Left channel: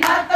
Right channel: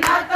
not